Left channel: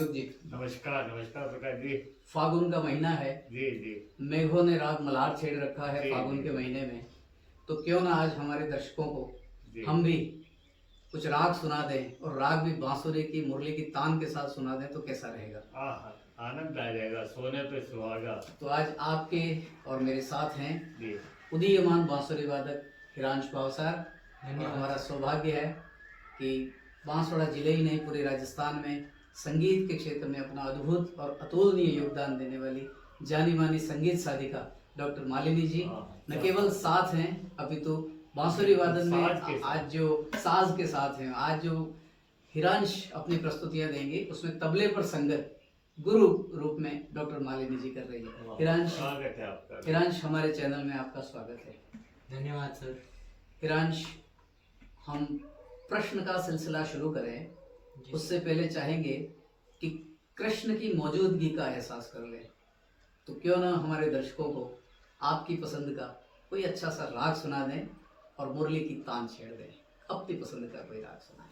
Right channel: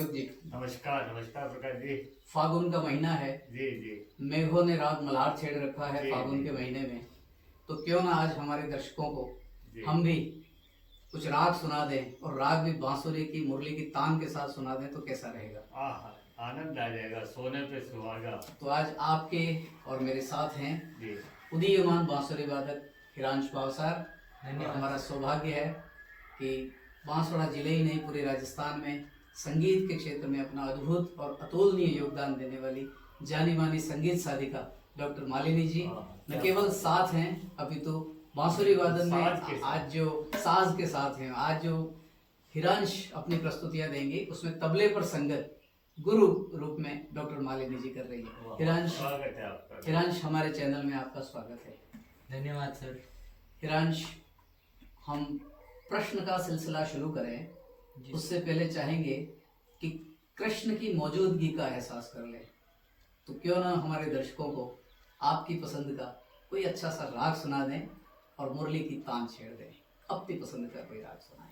दीपक जी। नमस्कार नमस्कार प्रकाश जी। फागुन का महीना है जी जी मेघों ने रात मल्हार छेड़ रखा है जी, फागुन जी। के महीने में। तो क्यों ना आज हमारे दर्शकों को जी। हम भी कुछ राग सुना दें और राग भी बांसुरी की मुरली की तान के साथ सुना दें तो कैसा रहेगा। आनंद आ जाएगा, सोने पे सुहागा। तो आज आपके और मेरे साथ हैं जी उदीयमान बांसुरी वादक हिरांश भावसार। और धन्यवाद। हमारा सौभाग्य है कि बांसवाड़ा जिले ही नहीं पूरे राजस्थान में संगीत के क्षेत्र में अपना अद्भुत और अतुलनीय योगदान देने वाली जानी मानी संगीत साधिका डॉक्टर मालिनी जी न केवल साथ हैं अपितु बांसुरी वादन में आज जो साज के साथ हैं। आज जो हिरांश अपनी प्रस्तुतियां देंगे उसमें तबले पर संगत गुरु रूप में डॉक्टर मालिनी जी कर रही है। हिरांश, स्वागत है आपका। हिरांश हमारे चैनल में आपका स्वागत है। धन्यवाद सर। हिरांश, हम प्रश्न का सिलसिला शुरू करें उससे पहले चाहेंगे कि कृष्ण की मौजूदगी का एहसास कर लें। तो क्यों ना हमारे दर्शकों को आपकी पसंद का कोई अच्छा सा राग सुना दें और मुरली की तान छेड़ दें। अपनी पसंद का कोई राग सुनाएं।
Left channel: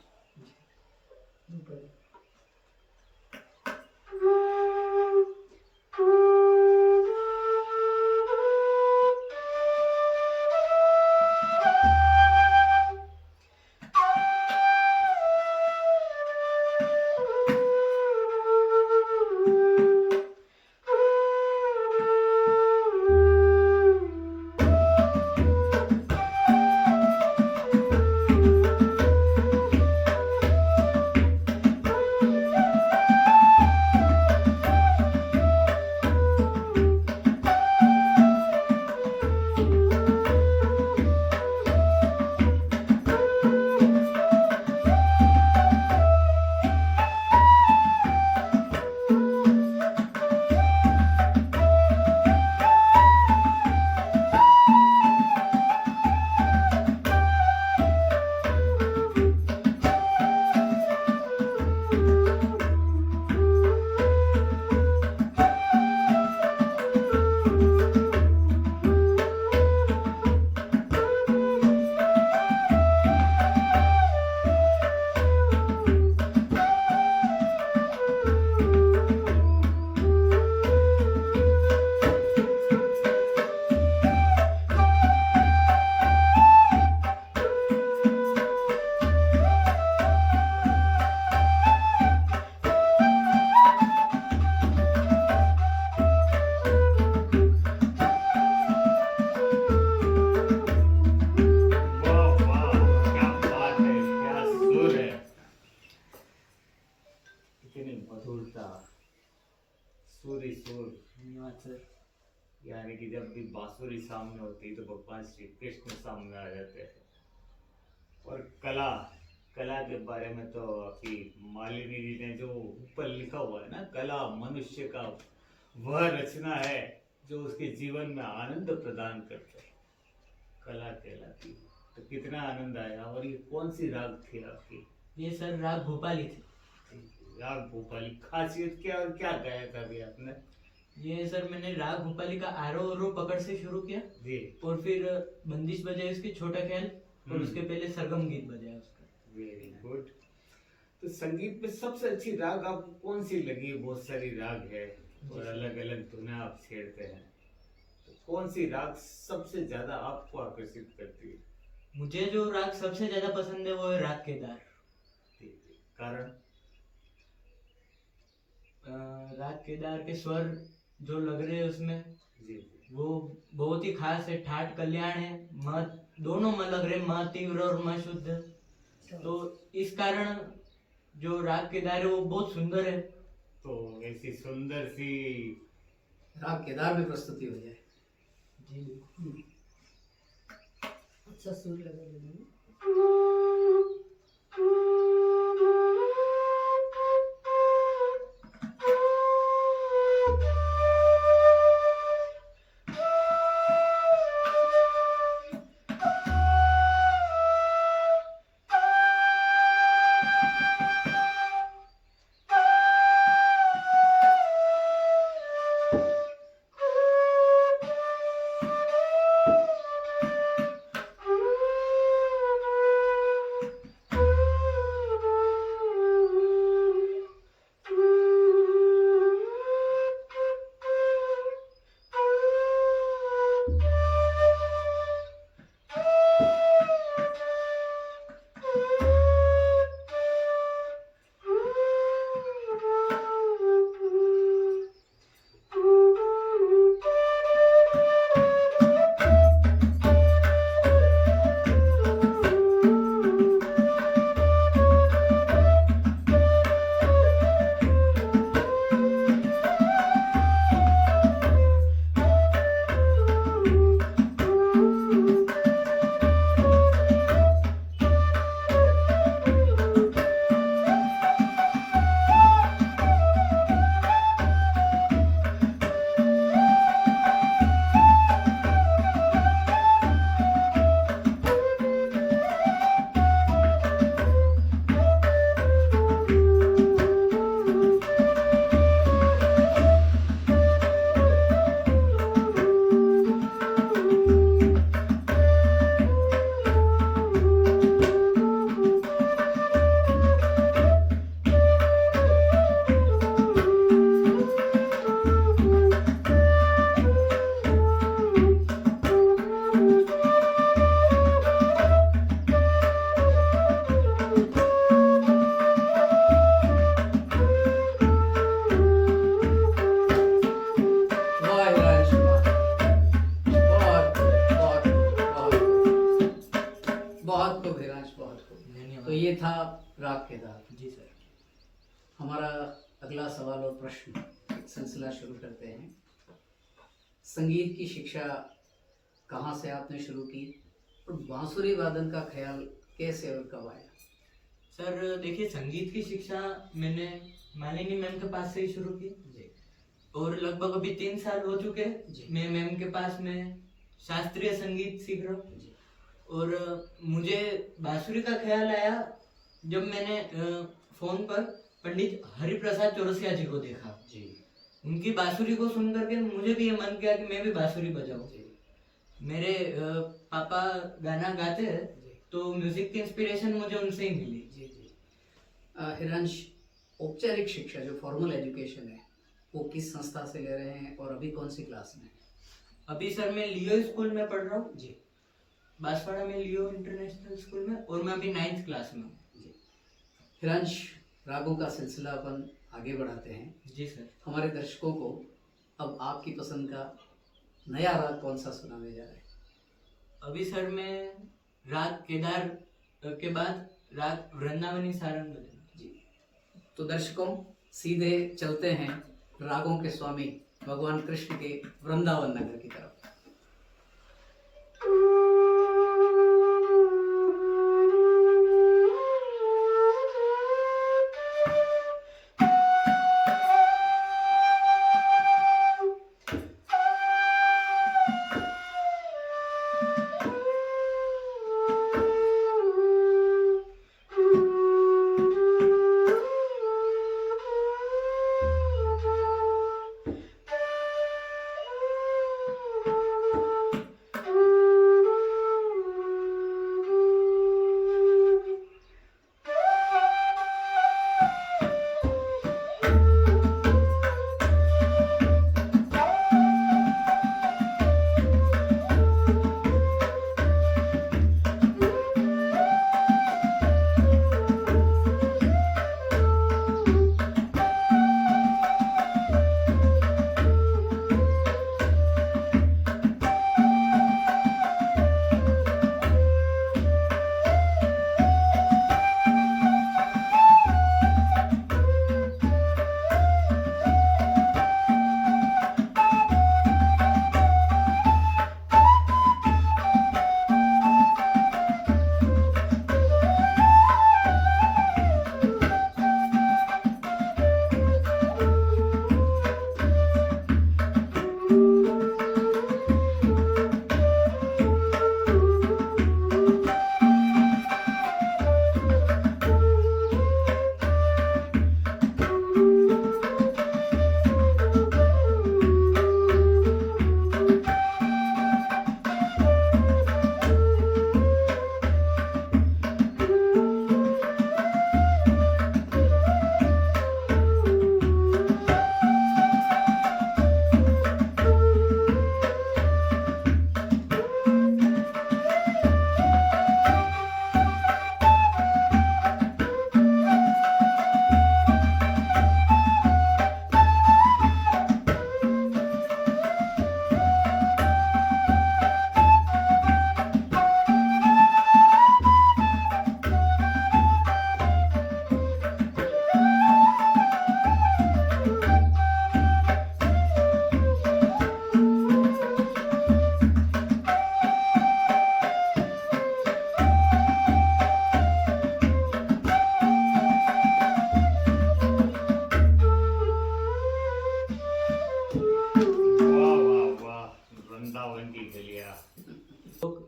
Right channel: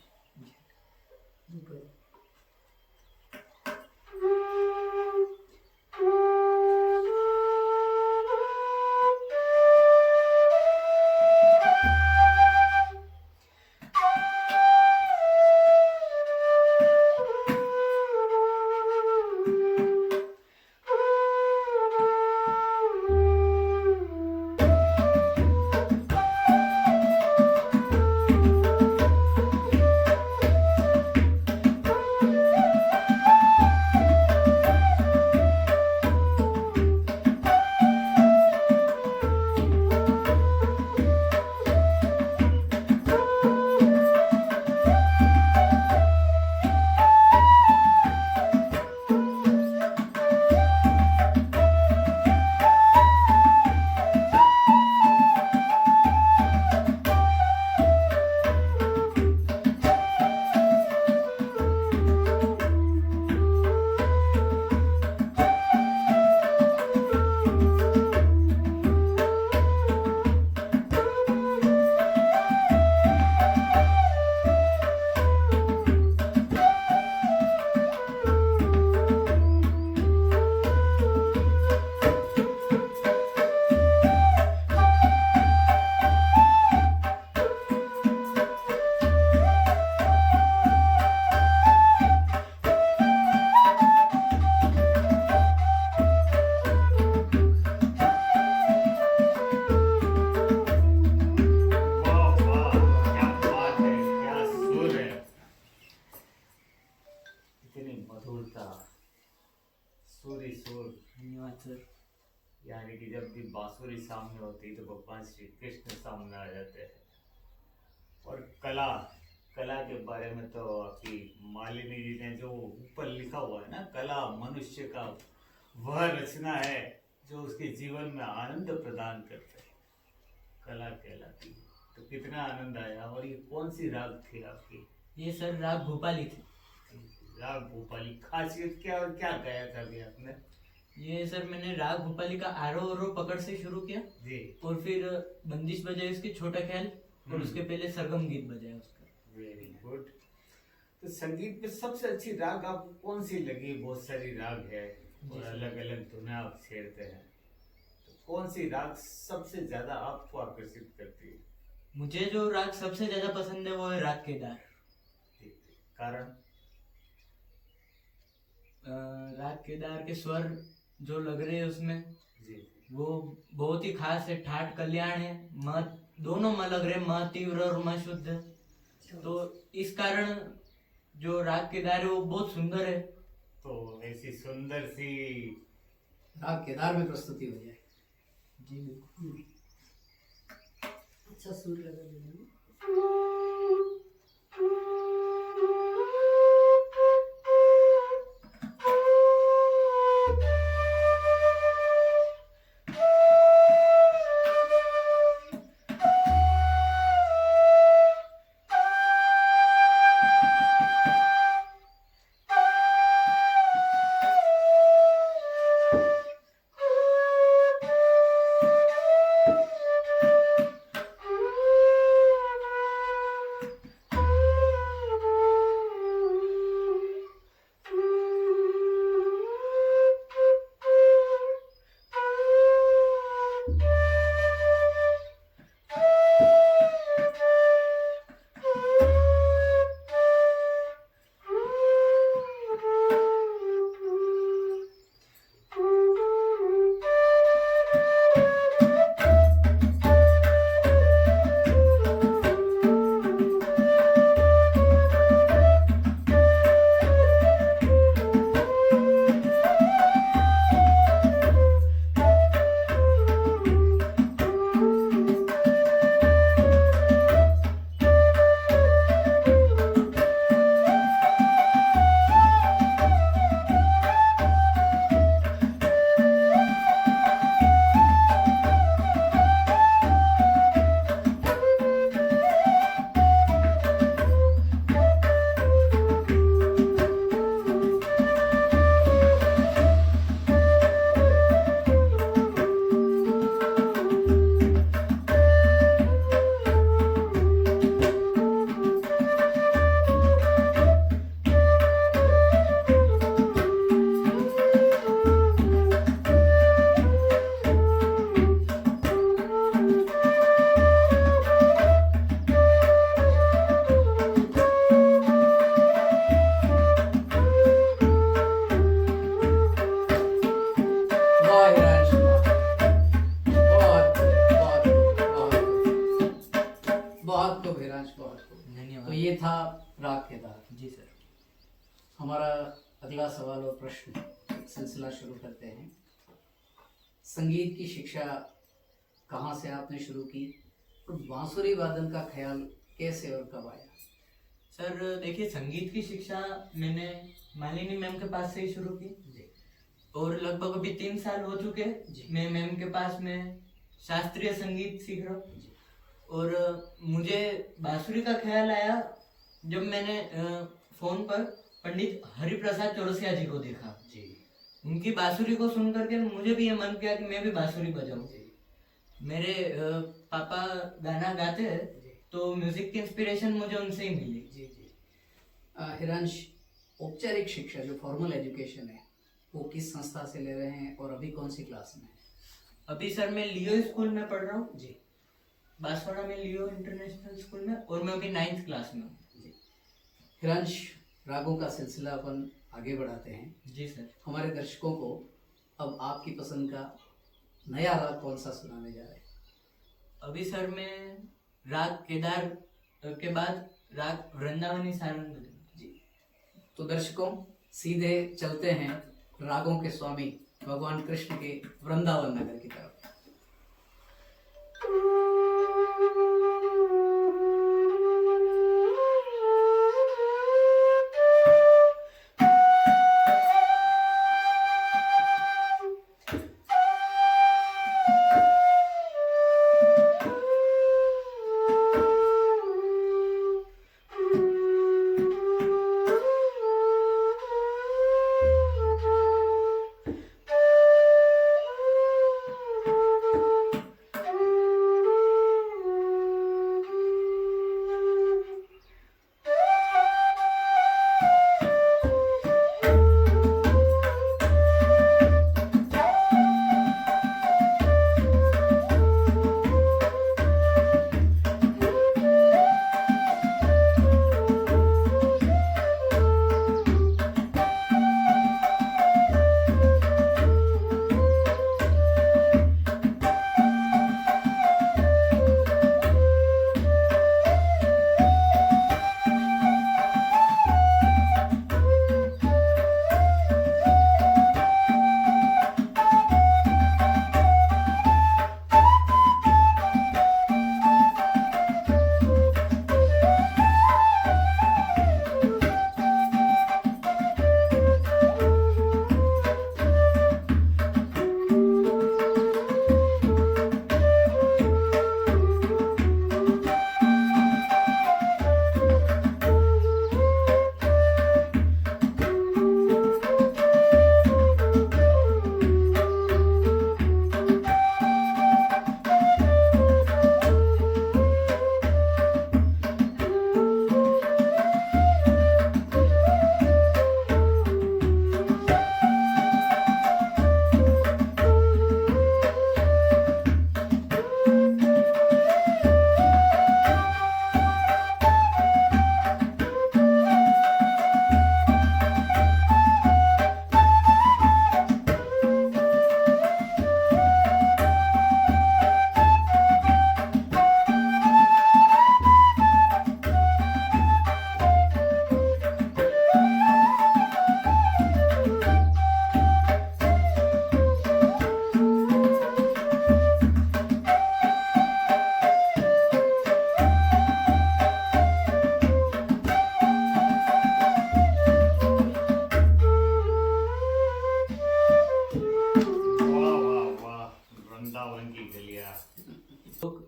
यानी कि जब भी बांसुरी सामने होती तो भगवान श्री कृष्ण सामने आ जाते हैं। और कला कला के बारे में तो अभी मालिनी जी ने जो ऊपर लिखा हुआ है ना, कला मनुष्य का वह रचना है जो उसके जीवन में आनंद प्रदान करते है। कला कहलाती है। तो कितना आनंद आया। और ये कौन सी राग थी आपकी? ये सर राग भोपाली थी। राग भोपाली, खासियत क्या और क्या गाया था अभी आपने? ये सर मैंने राग भोपाली का आरोह पकड़ से शुरू किया जी। और फिर बंदिश बजाई उसके छोटा ख्याल और उसके पहले सरगम गीत बजाया उसका। Very good. तो संगीत में सबसे अच्छी राग आपको कौन सी लगी? बहुत सारी राग है और अलग अलग धुनें आप छेड़ते हैं, तो कौन सी राग सबसे ज्यादा आपको आकर्षित करती है? मुझे जो राग सबसे ज्यादा पसंद है वो है राग केदार। कारण? राग केदार के स्वर जो लग रहे हैं उसमें जी। वो बहुत ही खास है। ठाट कल्याण है, मत दोनों में लग रहे, म तीव्र और म शुद्ध। तो इस कारण जो राग केदार है वो बहुत सुंदर है। तो ऐसी सुंदर सी राग केदार में प्रस्तुति हो जाए। जी बिल्कुल। अच्छा सुर लगा। था राग केदार। जी सर। हमारा अगला सवाल और प्रश्न सिलसिला शुरू करते हैं। संगीत की शिक्षा कहाँ से आपने शुरू की और बांसुरी वादन का ख्याल कैसे और कब आया? सर देखिए, संगीत की शिक्षा मैंने मालिनी मैम के पास से ही शुरू की जी और लगभग अभी 3 साल हो चुके जी। मैं मैम के पास में शास्त्रीय संगीत सीख रहा हूँ। जी और मुझे बांसुरी का ख्याल आया जब मैंने फोन पर पंडित हरिप्रसाद चौरसिया जी को देखा। जी उनकी बांसुरी को सुन करके मुझे भी ये मन किया कि मैं भी बांसुरी बजाऊं। जी मेरे पापा गाना गाते हैं जी तो म्यूजिक की इंस्पिरेशन मुझे उनसे ही मिली। जी जी। हिरांश, औपचारिक शिक्षा जो फॉर्मल एजुकेशन है वो किस संस्था से ले रहे हैं और अभी कौन सी क्लास में? अभी सर मैं लियो स्कूल में पढ़ रहा हूँ, जी बांसवाड़ा में लियो इंटरनेशनल स्कूल में, और मैं अभी 9th क्लास में हूँ। जी। हिरांश, रागों का सिलसिला अपन आगे बढ़ाते हैं। जी सर। हमारे दर्शकों को अब आपकी पसंद का नया राग कौन सा सुनाने जा रहे हैं? अभी सर मैं राग केदार के बाद राग वृंदावनी सारंग बजाऊंगा। जी, तो दर्शकों सीधे चलते हैं रागों के स्वामी भगवान कृष्ण के वृंदावन नगर की तरफ।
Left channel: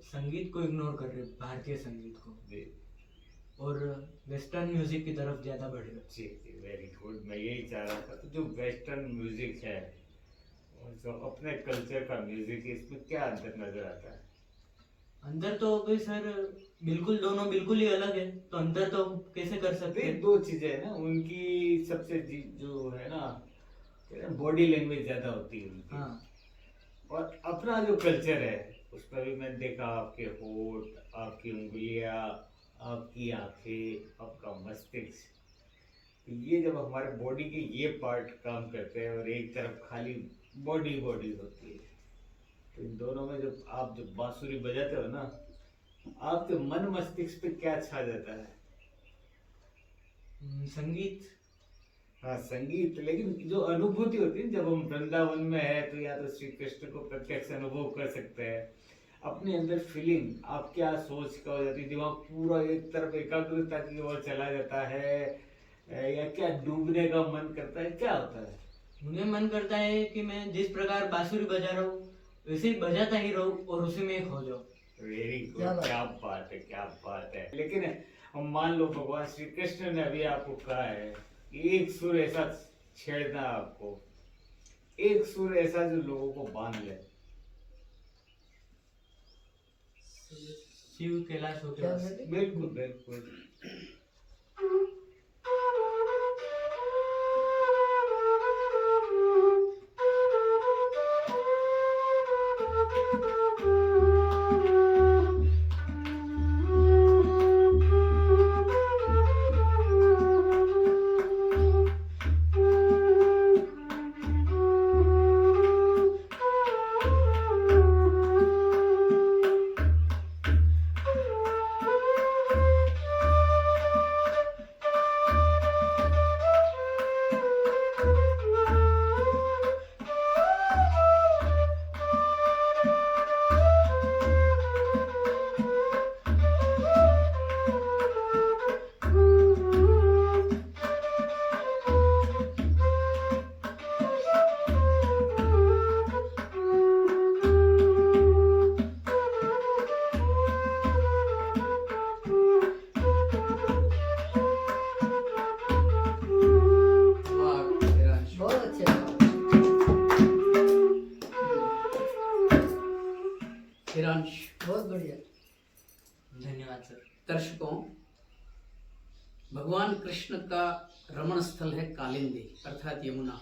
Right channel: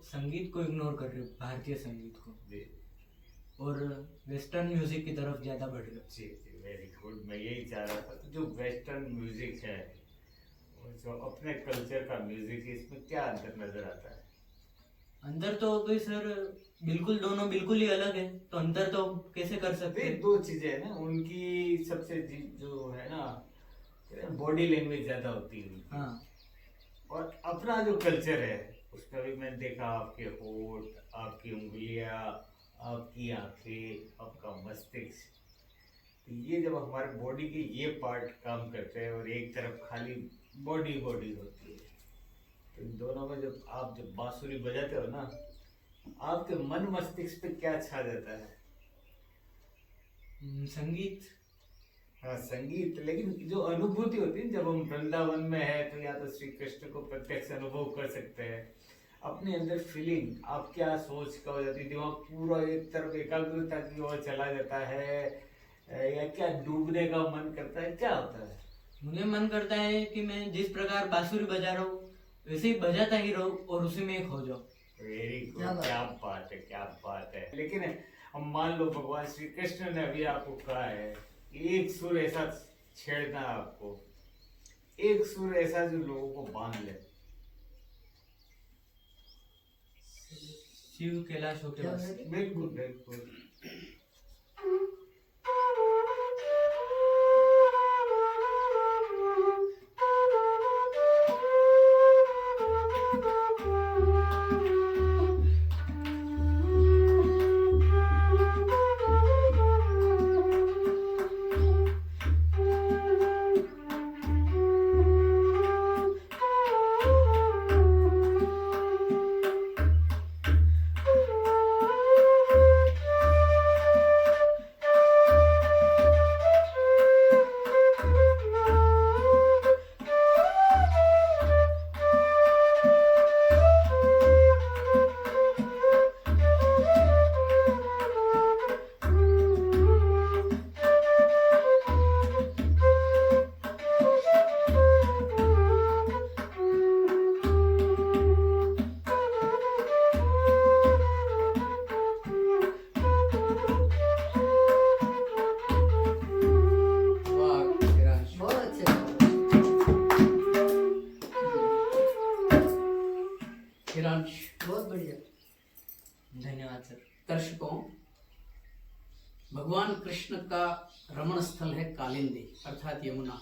संगीत को इग्नोर कर रहे, भारतीय संगीत को, और वेस्टर्न म्यूजिक की तरफ ज्यादा बढ़ रहे। जी जी, वेरी गुड। मैं यही चाह रहा था, तो जो वेस्टर्न म्यूजिक है और जो अपने कल्चर का म्यूजिक है, इसमें क्या अंतर नजर आता है? अंतर तो कोई सर बिल्कुल, दोनों बिल्कुल ही अलग है, तो अंतर तो कैसे कर सकते हैं? दो चीजें है ना उनकी, सबसे जो है ना बॉडी लैंग्वेज ज्यादा होती है उनकी। हाँ। और अपना जो कल्चर है उसमें भी मैंने देखा, आपके होठ, आपकी उंगलियां, आपकी आंखें, आपका मस्तिष्क, तो ये जब हमारे बॉडी के ये पार्ट काम करते हैं और एक तरफ खाली बॉडी होती है, तो इन दोनों में जब बांसुरी बजाते हो ना, आपके मन मस्तिष्क पे क्या छा जाता है? संगीत। हाँ संगीत, लेकिन जो अनुभूति होती है जब हम वृंदावन में है तो या तो श्री कृष्ण को प्रत्यक्ष अनुभव कर सकते हैं, अपने अंदर फीलिंग आप क्या सोच का हो जाती है, दिमाग पूरा एक तरफ एकाग्रता की ओर चला जाता है, या क्या डूबने का मन करता है, क्या होता है? मुझे मन करता है कि मैं जिस प्रकार बांसुरी बजा रहा हूँ वैसे ही बजाता ही रहूं और उसी में खो जाऊं। वेरी गुड, क्या बात क्या बात है, क्या बात है। लेकिन हम मान लो भगवान श्री कृष्ण ने अभी आपको कहा है कि एक सुर ऐसा छेड़ना है आपको, एक सुर ऐसा जो लोगों को बांध ले। शिव कैलाश होके क्या बस। बोले? बिल्कुल बिल्कुल। वाह हिरांश, बहुत अच्छे। हिरांश। बहुत बढ़िया। धन्यवाद सर। दर्शकों, भगवान कृष्ण का रमण स्थल है कालिंदी अर्थात यमुना,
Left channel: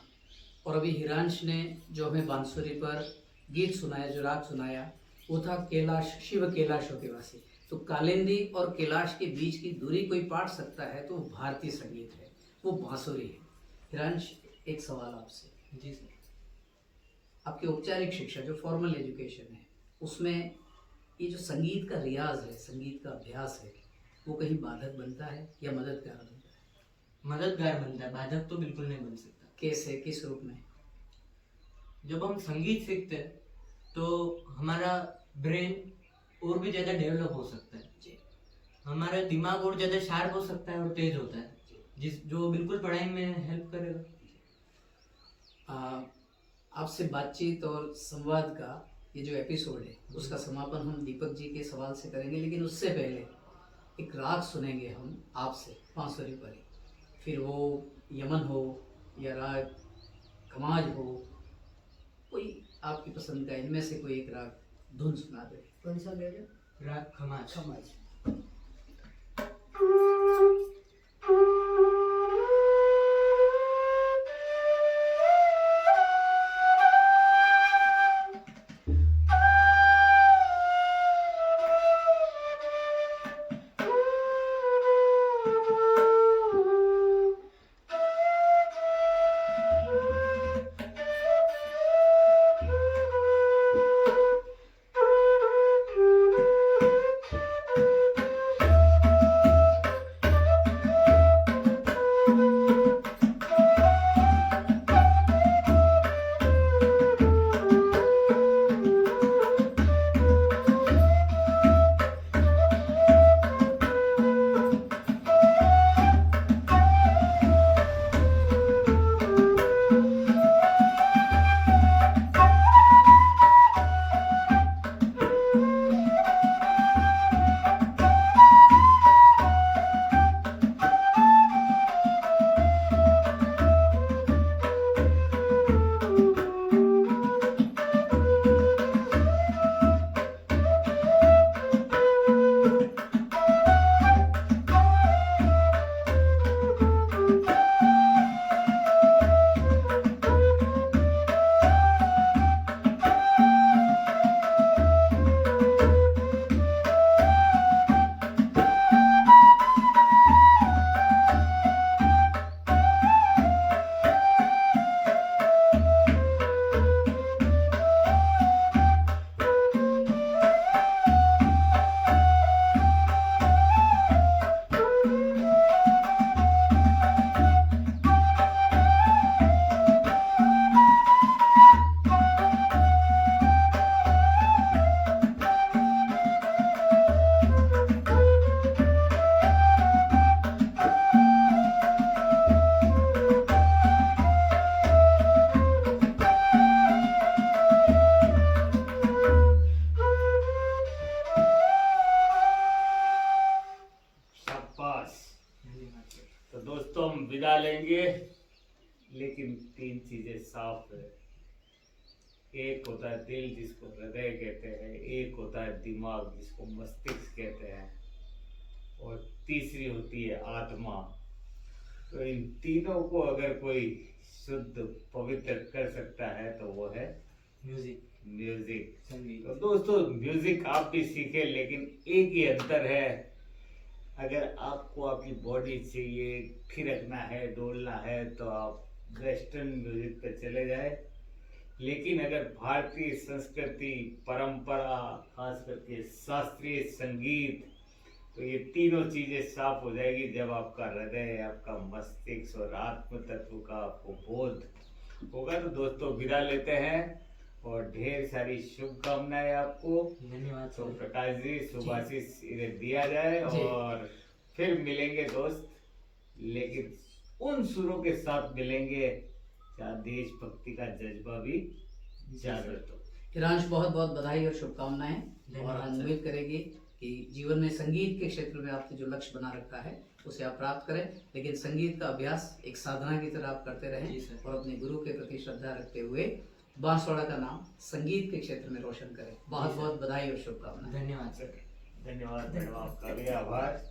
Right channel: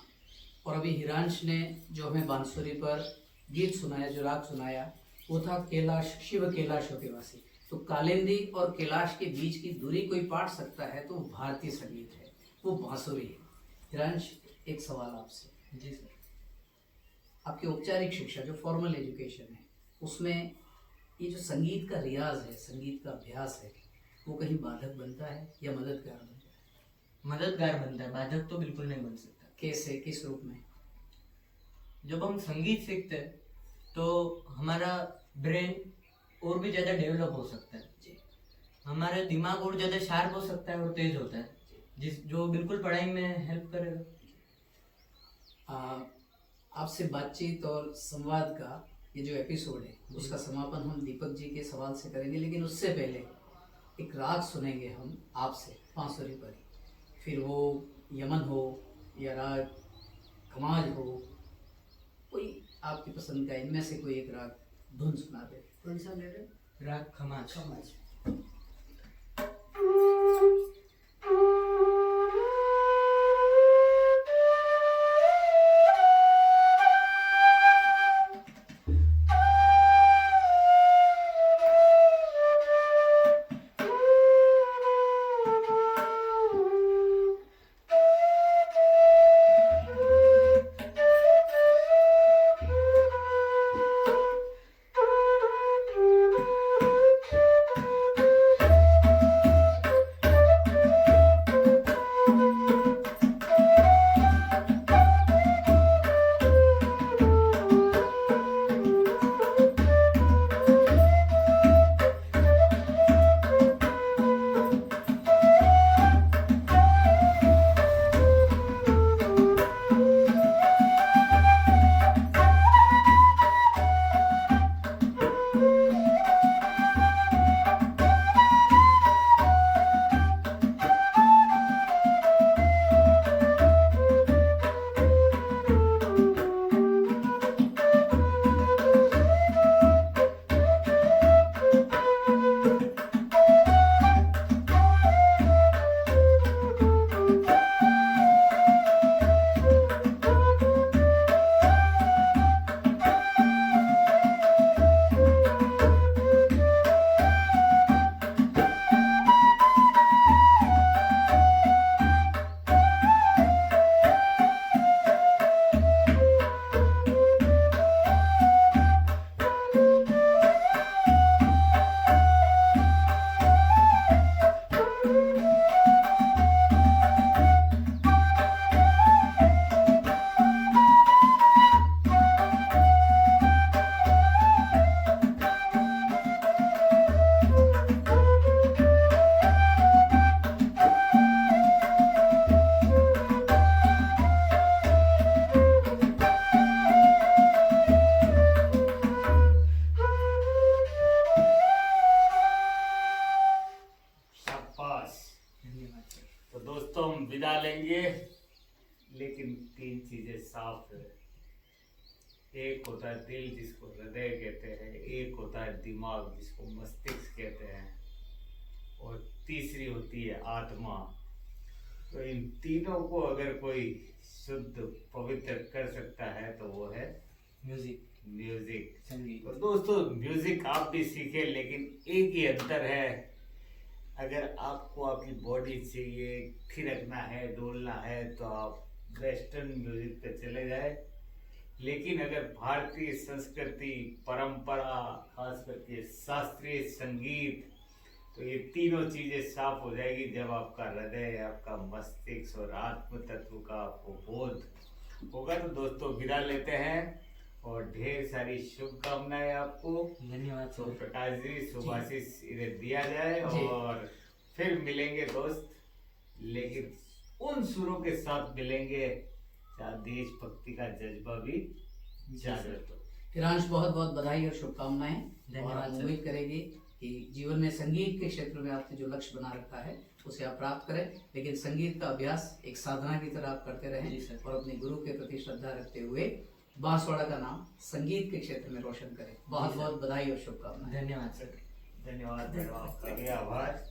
और अभी हिरांश ने जो हमें बांसुरी पर गीत सुनाया, जो राग सुनाया, वो था कैलाश, शिव कैलाश होतेवासी। तो कालिंदी और कैलाश के बीच की दूरी कोई पाट सकता है तो वो भारतीय संगीत है, वो बांसुरी है। हिरांश, एक सवाल आपसे। जी सर। आपकी औपचारिक शिक्षा जो फॉर्मल एजुकेशन है, उसमें ये जो संगीत का रियाज है, संगीत का अभ्यास है, वो कहीं बाधक बनता है या मददगार बनता है? मददगार बनता है, बाधक तो बिल्कुल नहीं बन सकता। कैसे, किस रूप में? जब हम संगीत सीखते हैं तो हमारा ब्रेन और भी ज़्यादा डेवलप हो सकता है जी। हमारा दिमाग और ज़्यादा शार्प हो सकता है और तेज होता है, जिस जो बिल्कुल पढ़ाई में हेल्प करेगा। आपसे बातचीत और संवाद का ये जो एपिसोड है उसका समापन हम दीपक जी के सवाल से करेंगे, लेकिन उससे पहले एक राग सुनेंगे हम आपसे बांसुरी पर ही। फिर वो यमन हो या राग खमाज हो, कोई आपकी पसंद का इनमें से कोई एक राग धुन सुना दे। कौन सा ले रहे? राग खमाज। समाज। एक होता है दिल जिसको हृदय कहते हैं, एक होता है दिमाग जिसको मस्तिष्क कहते हैं, और तीसरी होती है आत्मा। तो इन तीनों को अगर कोई शुद्ध पवित्र कर सकता है तो वो है म्यूजिक, म्यूजिक। संगीत। तो दोस्तों म्यूजिक आप भी सीखें, लेकिन एक ही अंतर है, अगर आपको आपकी बॉडी चाहिए, थिरकना है, डोलना है, तो आप वेस्टर्न म्यूजिक पे चले जाए। लेकिन अगर भारतीय संस्कृति, परंपरा, खास करके शास्त्रीय संगीत, तो ये तीनों चीजें साफ हो जाएगी जब आपका हृदय, आपका मस्तिष्क और आत्म तत्व का आपको बोध होगा। तो दोस्तों विदा लेते हैं और ढेर सारी शुभकामनाएं आपको। धन्यवाद तो सर। प्रकाश जी शुभाशीष इन्हें दिया जाए जी। और फिर मिलेंगे दोस्त, लेकिन उन सुरों के साथ मिलेंगे जहाँ देशभक्ति का जज्बा भी जागृत हो। हिरांश बहुत बहुत बधाई और शुभकामनाएं, और धन्यवाद हम सर। उम्मीद करेंगे कि जीवन में संगीत के क्षेत्र में आपने जो लक्ष्य बना रखा है उसे आप प्राप्त करें, लेकिन संगीत का अभ्यास एक साधना की तरह आप करते जी रहें सर। और अपने गुरु के प्रति श्रद्धा रखते हुए बांसवाड़ा का नाम संगीत के क्षेत्र में रोशन करें। बहुत जी सर। बहुत बधाई और शुभकामनाएं। धन्यवाद सर। धन्यवाद मैडम, आपका भी आभार।